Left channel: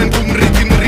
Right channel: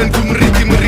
Jordan de Ricky